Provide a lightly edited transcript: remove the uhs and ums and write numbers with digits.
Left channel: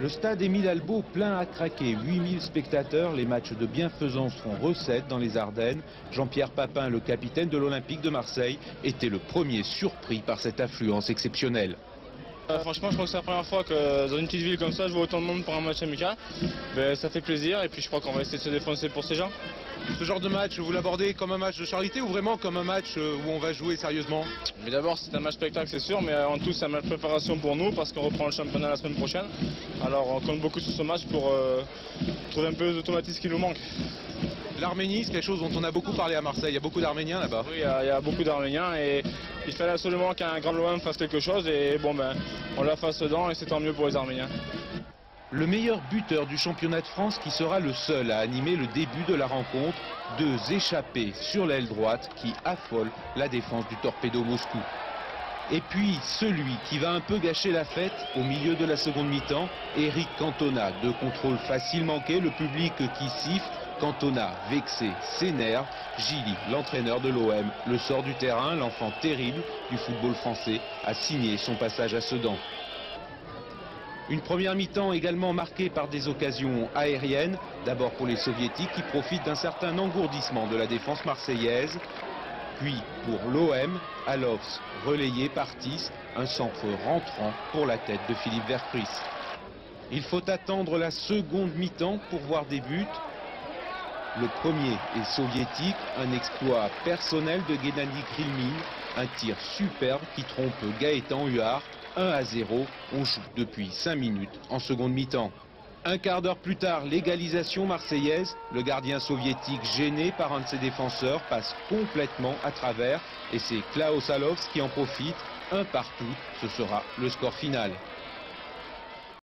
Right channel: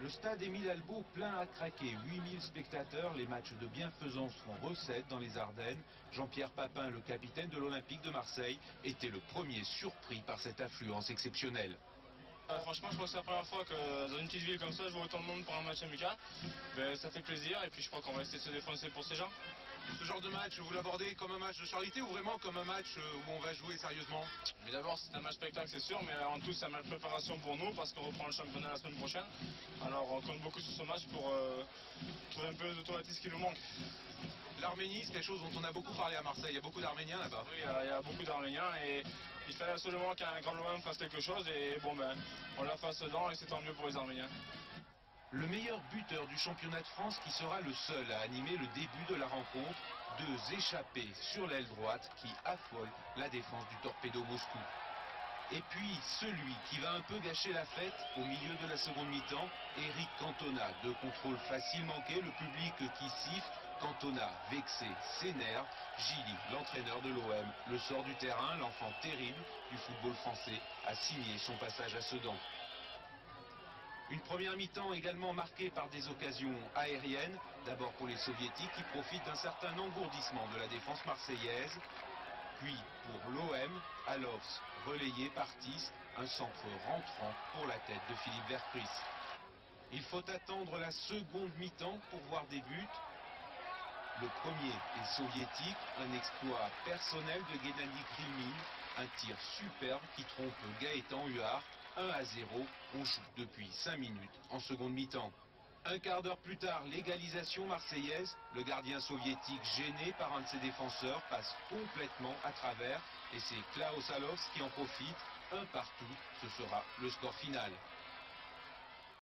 Le stade Émile Albaut plein à craquer, 8000 spectateurs, les matchs de bienfaisance font recette dans les Ardennes. Jean-Pierre Papin, le capitaine de l'Olympique de Marseille, était le premier surpris par cette affluence exceptionnelle. Franchement, je crois que c'est la première fois que dans une petite ville comme ça, je vois autant de monde pour un match amical. Ben, ça fait plaisir et puis je crois qu'on va essayer de se défoncer pour ces gens. Ce genre de match, vous l'abordez comme un match de charité ou vraiment comme un match où on va jouer sérieusement? Mais d'abord, c'est un match spectacle, c'est sûr, mais en tout, c'est un match de préparation pour nous parce qu'on reprend le championnat la semaine prochaine. Alors, on compte beaucoup sur ce match pour trouver un peu d'automatisme qui nous manque. L'Arménie, c'est quelque chose dont on a beaucoup parlé à Marseille. Il y a beaucoup d'Arméniens là-bas. Oui, il y a beaucoup d'Arméniens et il fallait absolument qu'un grand l'OM fasse quelque chose et bon, ben, on la fasse dedans et c'est tant mieux pour les Arméniens. Le meilleur buteur du championnat de France qui sera le seul à animer le début de la rencontre, 2 échappés sur l'aile droite qui affolent la défense du Torpedo Moscou. Et puis celui qui va un peu gâcher la fête au milieu de la seconde mi-temps, Eric Cantona. 2 contrôles faciles manqués, le public qui siffle. Cantona, vexé, s'énerve. Gilly, l'entraîneur de l'OM, le sort du terrain. L'enfant terrible du football français a signé son passage à Sedan. Une première mi-temps également marquée par des occasions aériennes. D'abord pour les soviétiques qui profitent d'un certain engourdissement de la défense marseillaise. Puis pour l'OM, Alovs relayé par Tis, un centre rentrant pour la tête de Philippe Verpris. Il faut attendre la seconde mi-temps pour voir des buts. Le premier est soviétique, un exploit personnel de Gennady Krilmin, un tir superbe qui trompe Gaëtan Huard. 1-0, on joue depuis 5 minutes en seconde mi-temps. Un quart d'heure plus tard, l'égalisation marseillaise. Le gardien soviétique, gêné par un de ses défenseurs, passe complètement à travers et c'est Klaus Alovs qui en profite. 1 partout, ce sera le score final.